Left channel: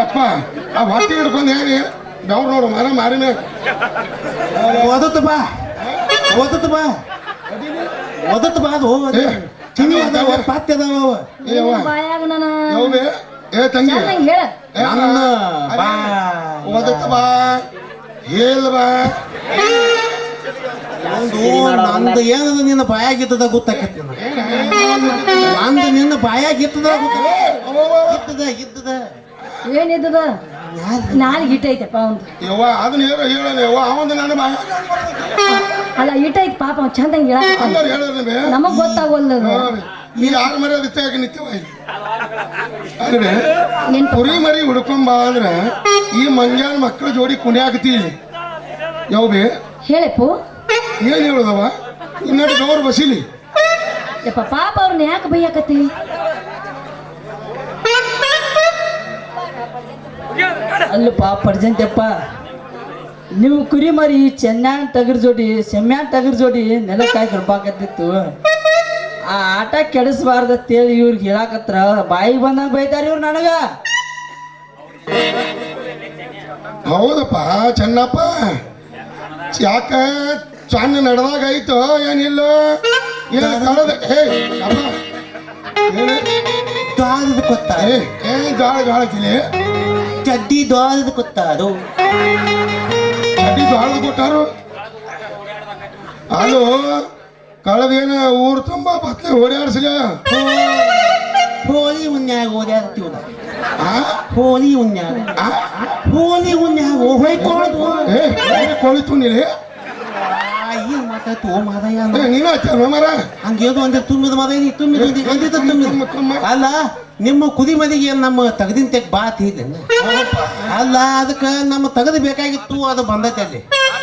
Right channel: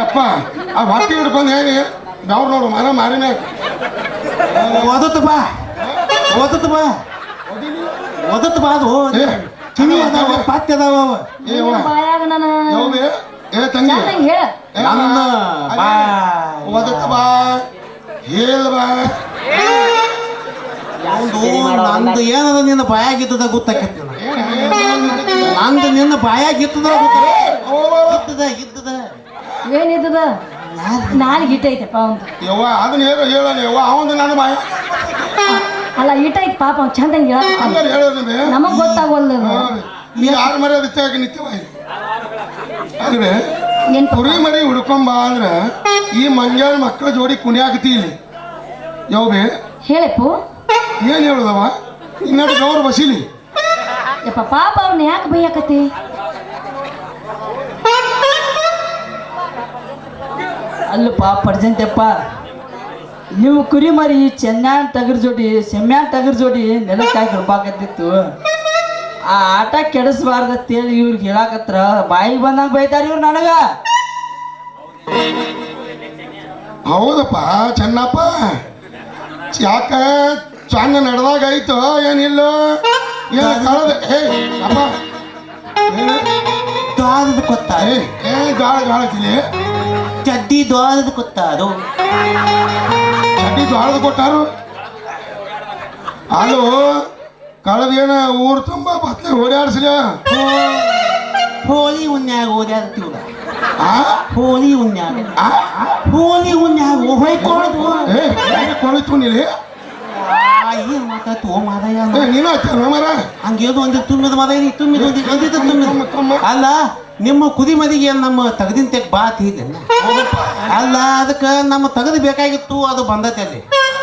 ಅಪ್ಪ ಆ ಹೊಟ್ಟೆ ಹಿಡ್ಕೊಂಡು ಹೇಳಿ. ಬೆವ್ರು ನೋಡು ಮರ ಮಾರಿನ. ಓದತ್ ಬಾ. ಓದತ್ ಬಾ. ಓದತ್ ಬಾ ಅದು ಕಿವಿ ಅದಾವ ಪಾತ್ಯ ಅದಾವ ಅವ. ಏವ ಯಾವ್ದು? ಏ ತಂಗಿ. ನನ್ನ ಅದೇ, ಬಾ ಓದತ್ತ ಬಾ. ಹೇಳ ಬಾ. ಒಂದು ನಂದು ಏನದ ನಿನ್ನ ಬಾಯಾಗಿದ್ದದ ಗೊತ್ತಾಕೈತಿ ನಂದು ನಿನ್ನ ಬಾಯಾಗಿತ್ತದ ಇತ್ತದ ಇದ್ದದ. ಏನಿದ್ದದ ನಾಲ್ ಇಟ್ಟೈತಪ್ಪ ಅವಂದು. ಯವ್ವ ಅದನ್ನ ಹೇಳೋ ಯವ್ವ ಅವಂದು ನಾನು ಅಲ್ಲ ಪಾಪ ಅವ್ನು ಚಂದ ಅಂದ್ರೆ ಹೇಳೋದು ನಮಗೆ ಗೊತ್ತಾಗವಲ್ದು. ನೀ ಯಾರ ಮರಿ ಅದಕ್ಕೆ ಆಗಿ ನಿತ್ಯವ ಅಲ್ವೇ ಏನ್ ಕುರಿ ಮರಿ ಹುಡ್ಕೊಂಬ ಅಂದ್ರೆ ಈ ಮಂಜಾನ ಮಕ್ಕಳ ಜೋಡಿ ಕುಣಿಯಾಕತಿ ಇಲ್ಲಿ. ಯಾವ್ಬೇ ಹೇಳಪ್ಪು. ಏನ್ ಹೇಳುದವ ಇನ್ನೆರಡು ಗೌರ್ ಬಸಿಲಿ. ಪಾಪ ಅವ್ರನ್ನ ಯಾಕೆ ಬೈಯಾಕತಿ ಅಲ್ಲಪ್ಪ ಪಡ್ಜಂತಪ್ಪ ನೀವು ಕುರಿ ಮರಿ ಚೆನ್ನ್ಯಾನ್ ಟಗರ್ ಜೋಡಿ, ಸೆಮ್ಯಾನ್ ಟಗರ್ ಜೋಡಿ ನೆಲಕ್ಕಾಗಿ ಕೃಪಾಕತ್ತಿತ್ತು ಆ ಆಟ ಕೆಡಿಸ್ಬಾರ್ದತ್ತೇಳಿ ಇವ್ರಿಗೆ ಹೇಳಾಕತ್ರ ಬಾಯಿಗೆ ಬಂದಂಗ ಬೈತಾರ ಇವ್ರು ನನಗ. ಹೌದಪ್ಪ, ಚೆನ್ನಪ್ಪ. ಯಾಕ ಚನ್ನ ನಡೆದಾಗ ಆಯ್ತು, ಏನಿಲ್ಲ. ಏನ್ ಕಳೆದ ಏ ಏನು? ದ್ವಾರದ ಕೊತ್ತ ಏ ಗಾಳ ಗಾಳತಿಲಿ ಚಡ್ಡಿ ದ್ವಾರದ ಕೊತ್ತಾರು. ಚಡ್ಡಿ ದ್ವಾರದ ಕೊಟ್ಟಾರು ಅದು ಕಳೆದೇನ ಊರು ತುಂಬ ಬತ್ಲೆ ಓಡಾಡ್ಸಲ ಹೋಳಿ ಉನ್ಯಾಗ ಓಡಾಡ್ತೀವ ಹೋಳಿ ಉನ್ಯಾಗ? ಹೋಳಿ ಉನ್ಯಾಗ ಹೋಯ್ಕೊಳ್ಳೋದು ಏ ಕೊಳಿತು ನೀಲಿ ಏನ್ ಮಾತಾಯ್ತು ಓ ಮಾದಯ್ಯ ಏ ನೀನು ಆಯ್ತ ಮರ ಹಂಗೇದು ಒಂದಿ ತುಂಬಿದ ಮದ? ತುಂಬಿದ ಒಂದಿ ಒಂದಿದ್ದ ತುಂಬಿದ ಅಲ್ಲ ನಿಮ್ಮ ಕುದಿ ಮದಿಗೆ ಏನ್ ನಮ್ಮ ತಗದಿನ ತೆಗ್ ಬಾತ್ ಇದೆ ಅಲ್ಲ? ಅದಕ್ಕೆ ನಮ್ಮ ತಗದು ಬೇಕಾಗಿತ್ತು ಅದು ಬಂದತೆ ಅಲ್ಲಿ.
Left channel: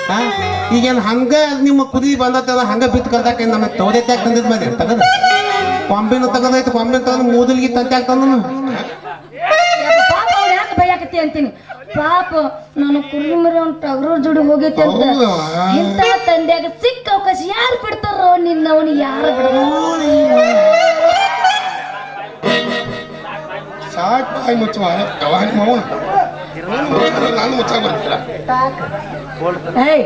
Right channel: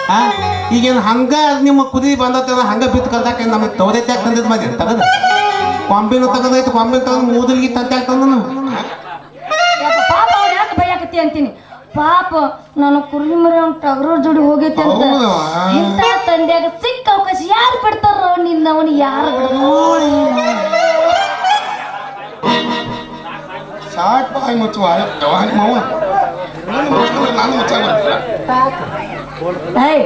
ಹಾ? ಈಗೇನು ಹಂಗ ನಿಮ್ಮ ಕುದಿ ಬಂದತೆ ಅಲ್ಲ ಹಂಗ ಬಿತ್ತು ಕಲ್ದಾಕ ನಮ್ಮ ತೋದೈತೆ ತಂದಿದ್ ಮದಿ? ತಗದ. ಕೊಂಬಿನ ತಗದೈತೆ ಕೊಂಬಿನ ತಗದ್ ಮೂದಲ್ಗಿ ತಂತೆ ತಂದನು. ಯಪ್ಪ ಪಾಪ ಅವ್ರು ಯಾಕೆ ಬೈಯಾಕತಿ ಅಂತೀನಿ? ಪಾಪ ನಾನು ಕುರಿ ಮರಿ ಅವ್ನ ಟಗರ ಜೋಡಿ ಹೋಗೈತೆ ಅಂತ. ಇಂತ ಇಂಥ ತಂದೆಯಾಗ ಸಿಕ್ಕ ಅವಕಾಶ ಯಾರು ಬಿಡ್ತಾರೋ ನಿನ್ನ ಅವನು ಯಾರು ಬಿಡ್ತಾರೋ ಸಾಕು ಬಾಯಿ ನಾನು ಮುಚ್ಚಾಗ ಏಯ್.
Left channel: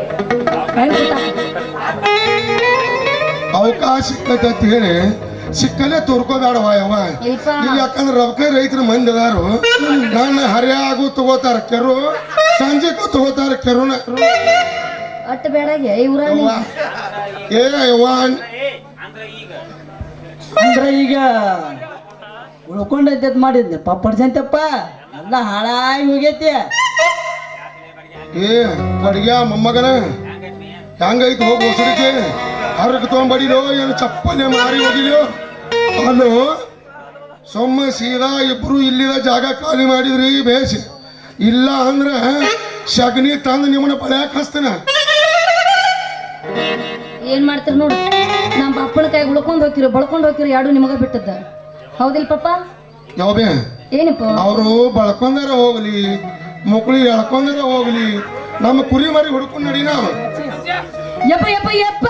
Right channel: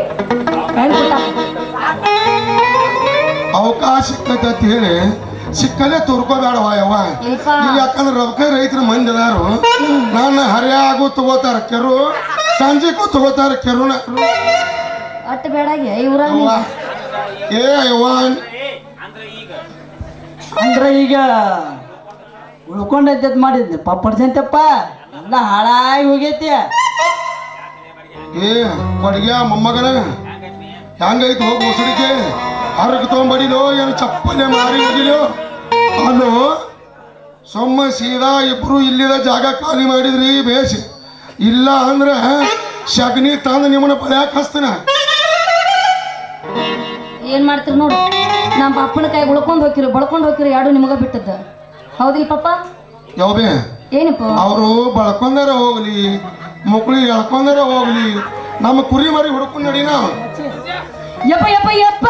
ಅವಕಾಶ ಸಿಕ್ಕೈತೆ ಅಂತ ಹೇಳಿ ಸಿಕ್ಕಲ್ಲೇ ತೋರ್ಕೋಬೇಡವ ಯವ್ವ. ಯಾಕಂದ್ರೆ ರೊಕ್ಕ ರೈತರ ಮಂದಿ ಅದಾರು ನನ್ನ ಹರಿಯಾಗೂ ತಗೋತಾರ ಕೆರು ಸಂಜೆಗೂ ತಗೋತಾರ ಕೆರುನ. ಅಟ್ ಬೇಡಾಗೆ ಇವ್ರ ಏ ಯವ್ವ. ಅಂದ್ರೆ ಈಗ ಉಳ್ಕೊಂಡೈತೆ ಮಾಡಿದ್ದೆ ಪಡ್ಜಂತಪ್ಪ ಎಲ್ಲ ಹಾಳಾಗಿ ಹೋಗೈತಿ. ಏ ಅಡ್ಗ್ಯ ಮೊಮ್ಮಗನ. ಹೆಂಗೈತಿ ಹೋಗಿ ಹರಕ್ ತೊಗೊಂಬಡಿಲೋ ಏನು ಚಪ್ಪನೆ ಮಾರಿ ಹೋಗಿಲೋ ಅಲ್ಲೋ ಸೊಮ್ಮ ಸೀದಾ ಇಬ್ರು ಇಲ್ಲಿದ ಜಾಗ ಖಾಲಿ ಮಾಡಿದ್ರಿ ಬೇಸ್ ಇಲ್ಲ ಅಂದ್ರೆ ಶಗ್ನಿ ತಂದು ನಿಮ್ಮನ್ನ ಬಳ್ಯಾಕ ಹಸ್ತನ ಏನ್ ಮಾಡ್ತೀರಿ ನೋಡಿ ನಮ್ಮ ಅಪ್ಪನ ಕೈ ಉಳ್ಕೊಂಡ್ ಹೋಗಿರಿ ಬಳ್ಕೊಂಡ್ ಹೋಗಿರಿ ಯಾರು ನಿಮಗ ಬಿಟ್ಟದ್ದ. ಹೌದಿಲ್ಲ ಪಪ್ಪ? ಯಾವೇ ಏನಪ್ಪ? ಅವರು ಬಳ್ಕೊಂಡಾರ ಹೋಗ್ಲಿ ಮಕ್ಕಳು ಎಳ್ಕೊಂಡಾರ ಹೋಗ್ಲಿ ನಮ್ಮ ಕುರಿ ಮರಿ ಹುಡ್ಕೊಂಡು ನಡಿ ನಾವು எப்ப எப்ப எப்ப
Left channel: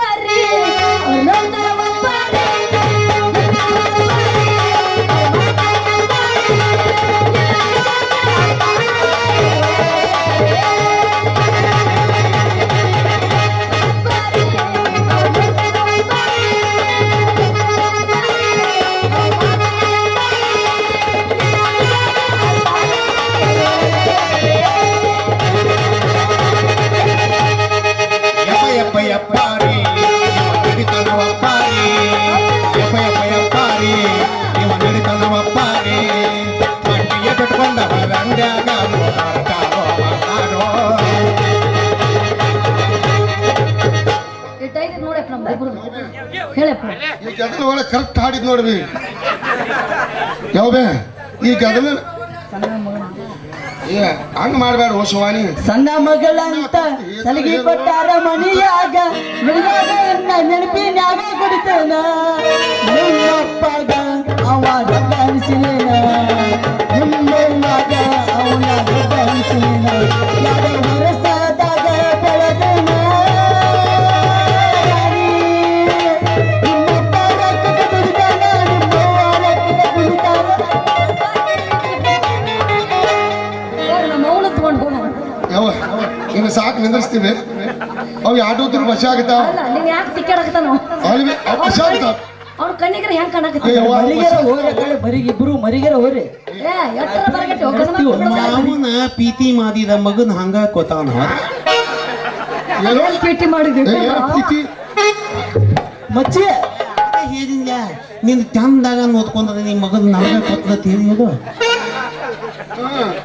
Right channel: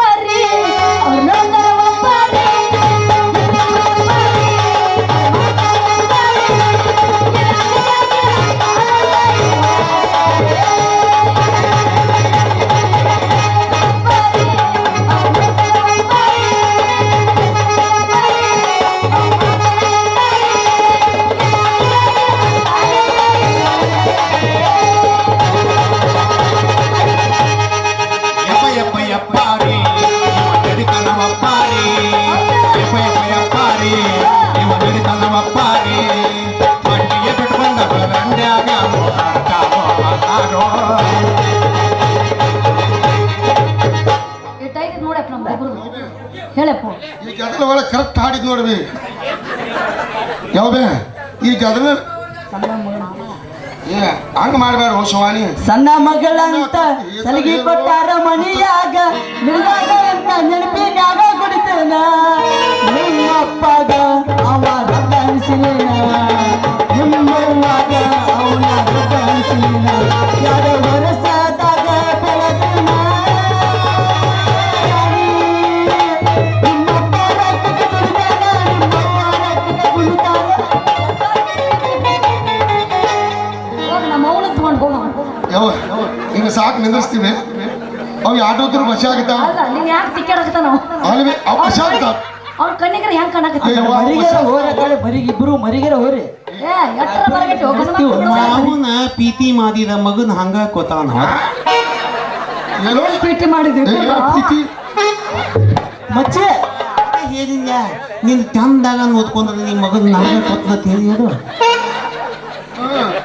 ಈ ಗದಲ ಒಳಗೆ ಕರೆಕ್ಟ್ ಹಾಡಿದ್ ನೋಡ್ರಿ. ಯಾವಬೇ? ಈ ಗದಲ ಏ ಹಂಗ ಮಾಡಬೇಡ ಓ ಶಿವಾನಿ. ಸಣ್ಣ ಮಗಳಂತ ಸಲಿಗೆ ಕೊಟ್ಟಾರ ಮನಿಯಾಗ ಮಿರ್ಗಾಗಳನ್ನ ಯಾವ? ನಿನ್ನ ಸಾಕು ನಿಂದಿಸ್ತೀವಿ ಅವು ಆಟೋದ್ರು ಬಸ್ ಆಗ್ತಾವ ಅಲ್ಲ ನೀನ್ ಯಾಕೆ ಅವು ಬಸ್ ಆಗ್ತಾವ ಅವ್ರ ಕಣ್ಣಿಗೆ ಹೆಂಗ್ ಕಾಣಕತ್ತ? ಮರಿಗೆರ ಕಡೆ ಮರಿಗೆ ಇಬ್ರು ಮರಿಗೆರ ಏ ಬರಗಟ್ಟಿ ಮಗನ ಹಂಗ ಕೊತಾನ ಏನೋ? ಪೀಟಿ ಮಾಡಿದೆ? ಪೀತಿ ಮಚ್ಚೆ. ಹೇಳಿಲ್ಲ ನಿನ್ ಚಂದಾಗ ಓದ್ಕೊಂಡ್ರೆ ನಿನ್ ಮಗನ ಹಂಗ ಅದು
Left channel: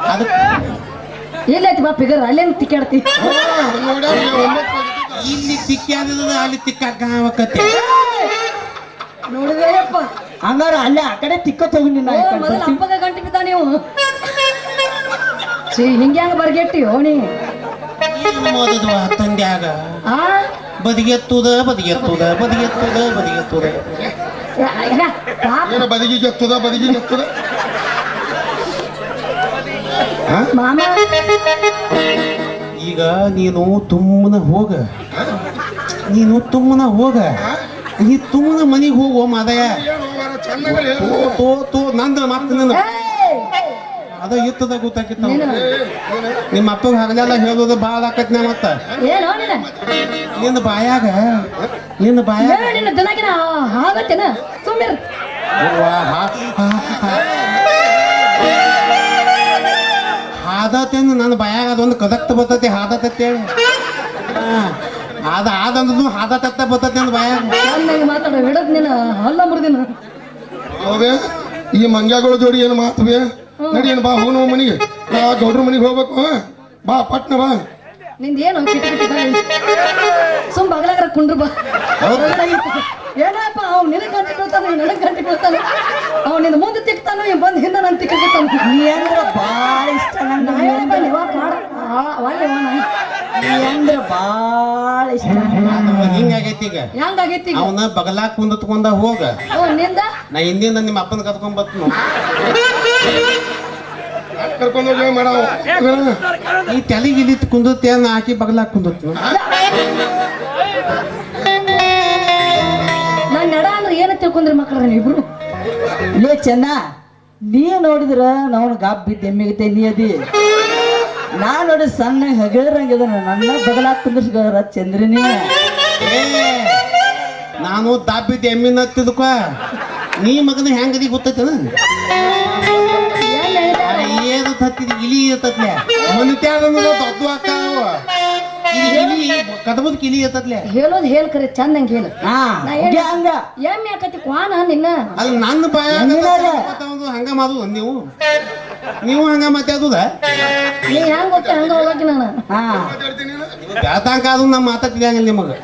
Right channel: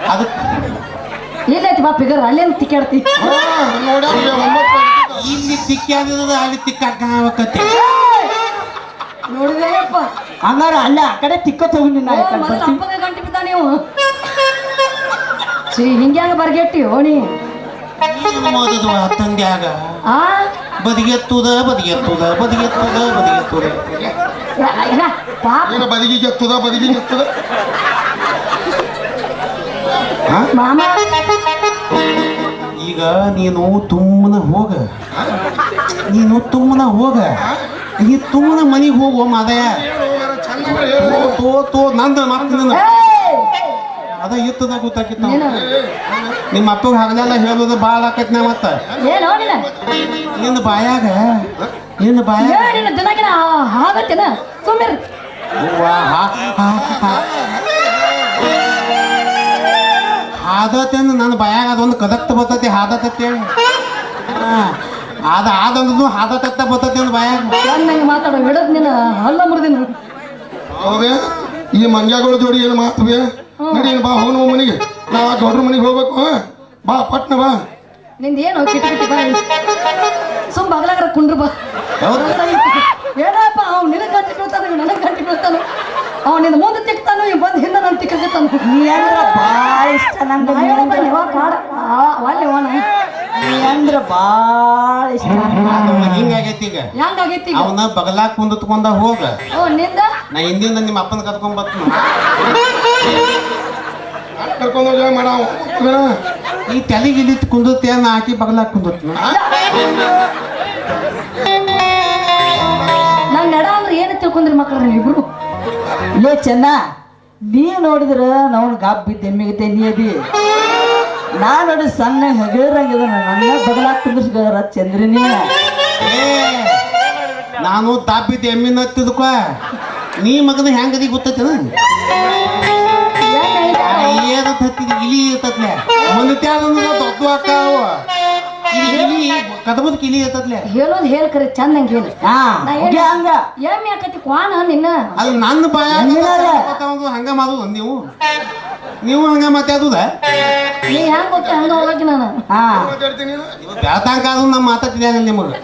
ಅದಕ್ಕೆ ಎಲ್ಲಿ ಐತಿ ಬಾ ಫಿಗರ್ ಅಲ್ಲೇನು ತಿಕ್ಕಾಡ್ತಿ ಇಲ್ಲಿ ತಿಕ್ಕಾದ ಅಲ್ಲಿ ತಿಕ್ಕಾಕತ್ತೆ ನೋಡಿದ್ರಪ್ಪ ಹಂಗಾರ ಅಲ್ಲೇ ಆ ಕಡೆ ತಿಕ್ಕ ತಗೊಂಡಿ ನಿನ್ನ ಮೊದಲು ಅಪ್ಪಗ ಗಂಟೆ ಬಿದ್ದ ನೀವು. ಸಿ ಹಿಂಗೆ ಹಂಗ ಬರ್ಗೆಟ್ಟಿ ಓಣಿ? ತಂದ್ಯಾಗ ಆ ಬದಿಗೆತ್ತುದ ಬದಿಗೆತ್ತುದ ಬದಿಗೆತ್ತುದ ಬದಿಗೆತ್ತುದ. ಬದಿಗೆತ್ತುದ ಯಾ, ಈಗ ನೀನು ತುಮ್ಮನ ಹೋಗ. ನೀನು ತುಮ್ಮನ ಹೋಗ. ಈ ತುಮ್ಮನ ಮನೆಗೆ ಹೋಗೋ ಮಾದಯ ತೋ ತೋ ನಂದ ಮತ್ತೆ! ಅದ ಇತ್ತದ ಗೊತ್ತಾಕಿತ್ತು ನೀನು ನಿಮ್ಮ ಅಪ್ಪ ಹಗಲೆಲ್ಲ ಹೇಳೋದು ಭಾಳ ಆಕತ್ನ ಮತ್ತ. ನಿನ್ನ ಬಾಯಾಗ ನಿನ್ನ ಬಾಯಾಗ. ನಿನ್ನ ದಿನಕಿನ ಆಗತ್ತೇನ ಅಂದ್ರೆ ನನ್ನ ಬಾಯಾಗ ಅದೊಂದು ಕದಕ್ತ ಬರ್ತೈತಿ ಹಾದತತ್ತೆ ಅದ ಆದಂದ್ರೂ ಹಾದತತ್ತ ಬರ್ತೈತಿ ಅಂದ್ರೆ ಬಾಯಾಗ. ಚೆನ್ನಾಗಿ ಮಾತಾಡೋ ಬಿಡದ್ ನೀನು ಹಲ್ಲ ಮುರಿದಿನ ಹೌದೇ? ಈ ಮಂಗ್ಯಾಗಳ ಜೋಡಿ ಏನು ಮಾತುವೆ ನಡಿ ಬಾ ಹೋಗ್ ಮನೆಗೆ. ನಾ ಗೌಡ್ರ ಮನೆಗೆ ಹೋಗ್ಬೇಕು ಬಾ ಪಟ್ನ ಬಾ. ನಿಂದ ಏನು ಕಿಟ ಕಿಟ ಬಾ ಸುಮ್ ಬಗಲಾಗ್ರ ಕುಂಡ್ರು ಬಾ. ಏನಪ್ಪ ಅವ್ನು ನಿನಗೆ ಗಂಟೆ ಬೀಳ್ತಾನೆ ನನಗೆ ಗಂಟೆ ಬೀಳ್ತಾನೆ? ಅವ್ನು ನಿನ್ನ ಮುಂದೆ ತಿಕ್ತಾನು ಇವ್ ಬಂದು ಹಿಂದೆ ನಾನು ತಿಕ್ಕತ್ತಾನು ನೀ ಅಂದ್ರ ಬಾಳ ಇಷ್ಟ ನಂಗೆ ನಾ ಹೇಳಪ್ಪ ನೀವ ಕಾಡ ಒಳ್ಳೆ ಅವನ ನೀ ಅಂದ್ರ ಇಷ್ಟ ಹಿಂಗಾಗೈತಿ ಈಗ? ಹೆಂಗಾಗೈತಿ ಅವನ ಬಗಲಾಗ ಕುಂದತ್ಕೊಂಡ ಹೋಗ. ನಿಂದ? ನಾ ಹಿಂದಿಂದ ನಿಮ್ಮ ಅಪ್ಪನ ಕರ್ಕೊಂಡ್ ಬರ್ತೀನಿ ಕರ್ಕೊಂಡು ಹೋಗಿ ಮಾಡವ ಈ ತಲೆಗೆ ಇಲ್ಲಿ ಕುಂದತ್ತೆ ನಾ ಹಾಕಿ ಬಗಲಾಗ ಕುಂದತ್ತೀನಿ ನಾನು ನಡ ಅಂದ್ರೆ ಏನು ತಿಳ್ಕೊಂಡ್ರಿ ಮಕ್ಕಳ್ರಿ ಇಬ್ರು? ಏ ಚೆನ್ನ ನೀ ನೋಡಿದ್ರ ನಾವು ಗಾಬ್ ಬಿದ್ದೆ ಎಮ್ಮಿಗತೆ ನೀ ಅದಿ. ನಾ ನೋಡಿ ಸಣ್ಣ ಹೆಗರಾಗಿದ ನನ್ನ ಬಗಲ ಕುಂದಿಸ್ಗಾರ ಚಂದ್ರಿನಿ ಏ, ನಾನು ತಾಪಿದ್ದೆ ಎಮ್ಮಿನ ತಿದ್ಕೋ ನೀ ಮಗನ ಹೆಂಗದಿ ಗೊತ್ತೈತೇನ? ತತ್ತಿದ ಇಲಿ ಇರ್ತತ್ಲೆ. ಅದನ್ನ ದೊಡ್ಡ ಇದು ಇಲಿ ಕದಬದ ಕಿಲಿ ಇರ್ತತ್ಲೆ. ಹೇಳೋದು ಹೇಳ ಕರೆ ಚಂದಂಗೆ ಹೇಳು. ಹಾ ನಾ ಹಂಗೆ ಹಂಗ. ಎಮ್ಮೆ ಆಕತಿ ಕ್ವಾನ ನಿನ್ನ? ಅದು ನನ್ನ ಬಾಯ? ಹಂಗ ಮಾದು ನೀವು. ನೀವು ಹಂಗ ಮಾತಾಡುದ ನೀ ಹೆಂಗ್ ಗೊತ್ತ ಹಂಗ ಹೋಗಿ ನಾನು? ಹಾ. ಅದು ನಮ್ಮ ಮಾತಾಡ್ತಿದ್ದ ನಿಮಗೆ.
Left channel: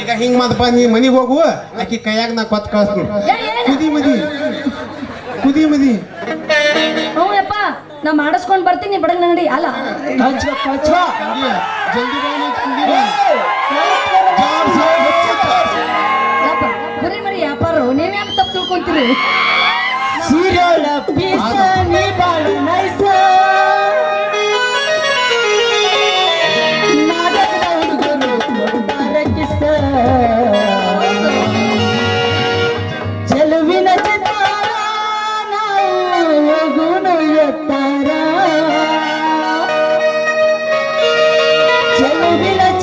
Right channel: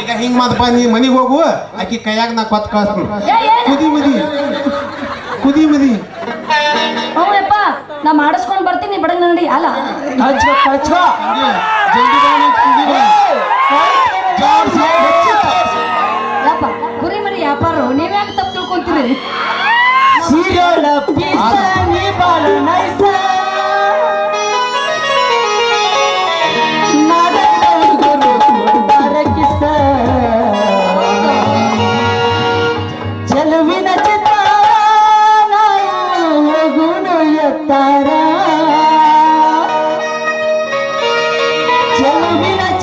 ಈಗ ಹಿಂಗ್ ನೀ ಮನಿಗೆ ಹೋಗು ಆಕಿ ಕೈಯಾಗ ನಾ ಕೊತ್ ಕಳಿಸ್ತೀನಿ. ಕುದಿ ಮದಿ. ಕುದಿ ಮದಿ. ನಾ ಮಾಡಿಸ್ಕೊಂಡ್ ಬರ್ತೀನಿ ಬಡಗ್ ನಂಗಡಿ ಅಲ್ಲ. ಜಲ್ದಿ চলবে না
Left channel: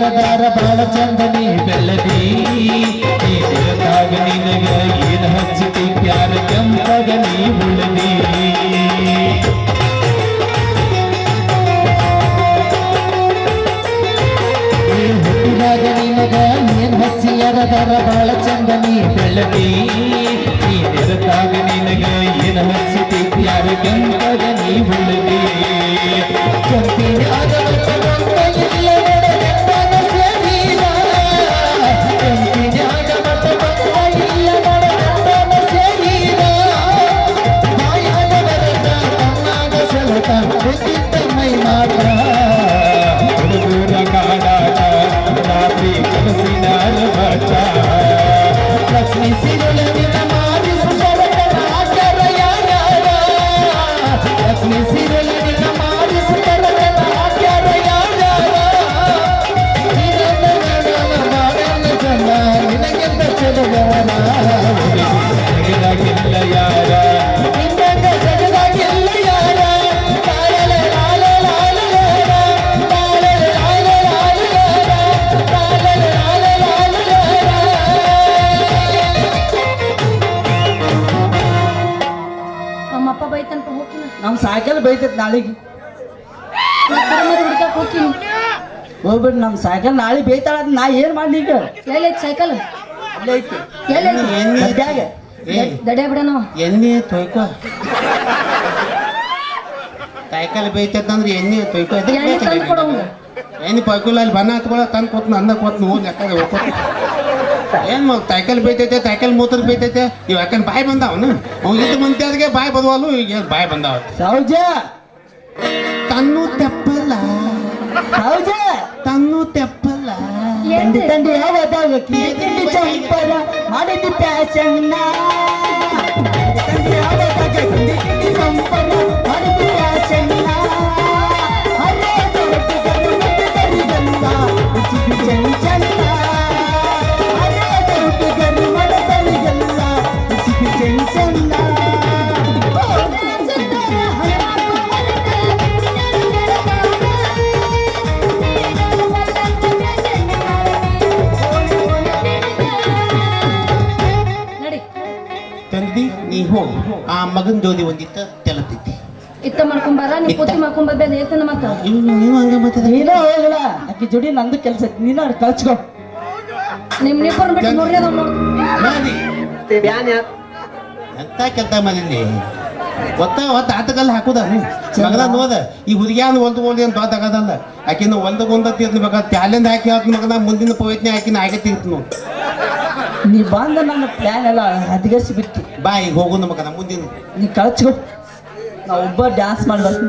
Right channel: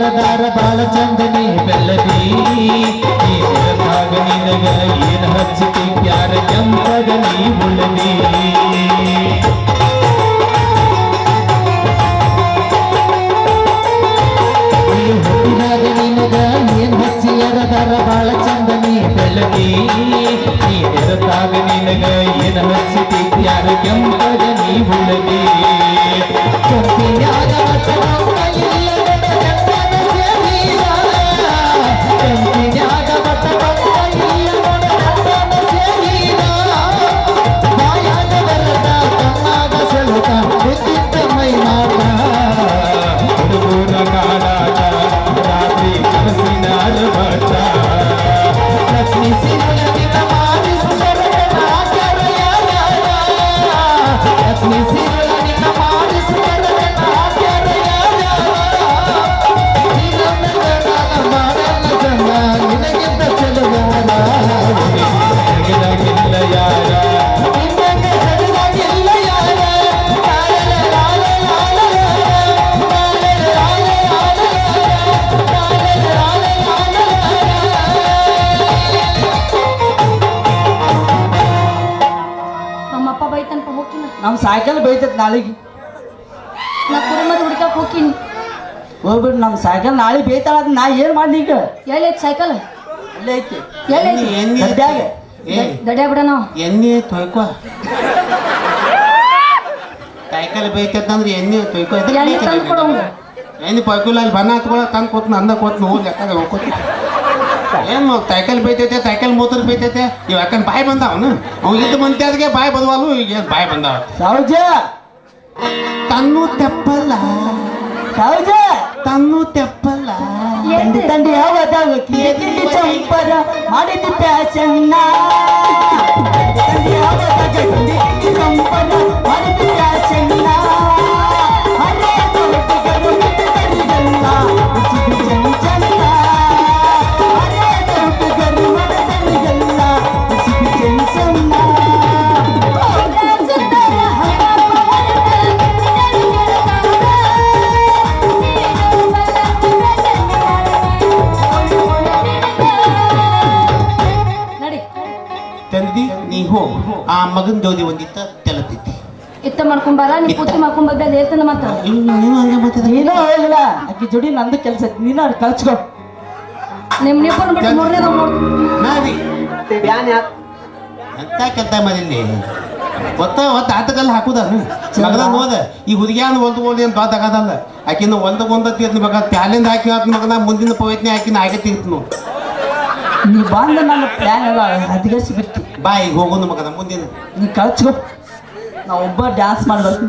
ದಾರ ಬಾಳ ಚಂದನಿ ಬೆಲ್ಲದಿ ನೀರಾಗ ನಿನಗೆ ಏನು ಹಚ್ಚತಿ? ಪ್ಯಾರ ಕೆಂಪಗ ನೀ ಉಳದಿ. ಹುಟ್ಟಿದಾಗ ನಿನಗ ಏನ್ ಹಚ್ಚಿ? ಅರದಾರ ಬಾಳ ಚಂದನಿ ಬೆಳ್ಳದಿ ನೀರಾಗ ನಿನಗ ಏನು ಹಚ್ಚತಿ? ಪ್ಯಾರ ಕೆಂಪಗ ನೀ ಉಳದಿ. ಕೆಂಪಿನಾಗ सिनाल बचा लक्ष्मी सिनाल ನಾಳೆಗೆ. ಹುಡ್ಕಕ್ ಹೋಗ್ತೀನಿ. ಹೋಗ್ಬಿಟ್ಟು ನಮ್ಮ ಸೈಕಲ್ ನಾಳೆ ಬೇತಾಳ ಅದ್ ನಾ ಏನು ಮಾಡ್ಲಿ ಈಗ? ಸೈಕಲ್ ಅಲ್ಲೇ ಐತಿ. ಎಲ್ಲೈತಿ ಎಣ್ಣೆ ಗದ್ಯಾಗ. ಏ ದಡ್ಯಾ ಬಿಡ ನಾವು. ಎಣ್ಣೆ ತೊಯ್ಕೋ. ಸೈಕಲ್ ಬೈತಂದ್ರೆ ಎಣ್ಣೆ ತೊಯ್ಕೋ. ಎಣ್ಣೆ ತಂದು ಕೊಡು ಅವ್ನು. ಎಣ್ಣೆ ಪೈಕುಲ ಅಲ್ಲಿ ಬಣ್ಣ ಹತ್ಕೊಳ ತಂದು ಕೂತ್ನು ಅಂದ ಕೂತ್ನ ಹೋಗಿ ಹೋಗ್ಕೊತ ಏನು ಸೈಕಲ್ ಬೈತೈತೆ ಸೈಕಲ್ ಮೂತ್ರ ಬೈತೈತೆ ಇವ್ ಯಾಕಂದ್ ಬಾಯಿ ಬಂದಾವನು ಹೋಗಿದ್ದು ಮಂತ್ಯಾದ್ಗೆ ಬಾಯಿ ಬಂದ್ವಲ್ಲೂ ಈಗ ಬಾಯ್ ಬಾಯಿ ಬಂದಾವ? ಸೌಜ! ತನ್ನು ತೆಪ್ಪಲ್ಲ ಹೌದ ತನ್ನು ತೆಪ್ಪಲ್ಲ ಎಂದು ತಂದೆ ಯಾವಾಗ ಎದಿಲ್ಲಿ ಚಂಪರ ಮಾಡಿದ ಪ್ಯಾಶನ್ನ ಯಾವಾಗ ಒಂದು ಒಂದಿತ್ತ ತೆಲತಿತ್ತಿ ಇತ್ತ ಮಾಡ್ಕೊಂಬಾರ ನೀ ಪೂಜೆ ಮಾಡ್ಕೊಂಬರ್ದ ಹೇಳ್ತಾನೆ ಮಾತ್ರ. ನೀನು ಹಂಗೆ ಮಾತಾಡ್ತೀನಿ ನೀನು ಹೋಗಿಲ್ಲ ಅಕ್ಕಿ ಜೋಡಿ ನಂದು ಕೆಲಸ ನೀನು ಅವ್ರು ಕಳ್ಸ್ಕೊ. ನಿಮ್ಮ ನಿಪ್ಪನ್ ಬಿಟ್ಟು ನೋಡ್ರಿ ಅದ ಮಾಡಿ ಎಂತ ಕೆತ್ತ ಮನೇಲಿ ಒತ್ತ ಒತ್ತ ಆತಕಲ್ಲಿ ಹಾಕುದ ಮಗದ ನೋದ ಈ ಹುದಿಗ್ಯಾನ ಒಂದು ಒಂದು ಏನು ದೊಡ್ಡ ಆಗದಲ್ಲ? ಆಕಿನ ಒಂದು ಅದ್ನ ಮಗ ಪ್ಯಾಲಿಂದ ಹಾಕಿ ಹಾಕಿನ ಮಗನ ಮುಂದಿನ ಪವಿತ್ನ ಆಕಿನ ಆಗತ್ತಿತ್ತು ನೀವು ನೀ ಬಂದ ನನ್ನ ಪ್ಯಾನ್ ಎಲ್ಲ ಹದಗೆಸಿ ಬಿತ್ತು ಬಾಯ್ ಈಗ ಹೋಗು ನಮಗದ ಮುಂದಿನ. ನೀ ಕಳ್ಸ್ಕೊ ನಾ ಒಬ್ಬ ಡ್ಯಾನ್ಸ್ ಮಾಡ್ಬಾರ್ದು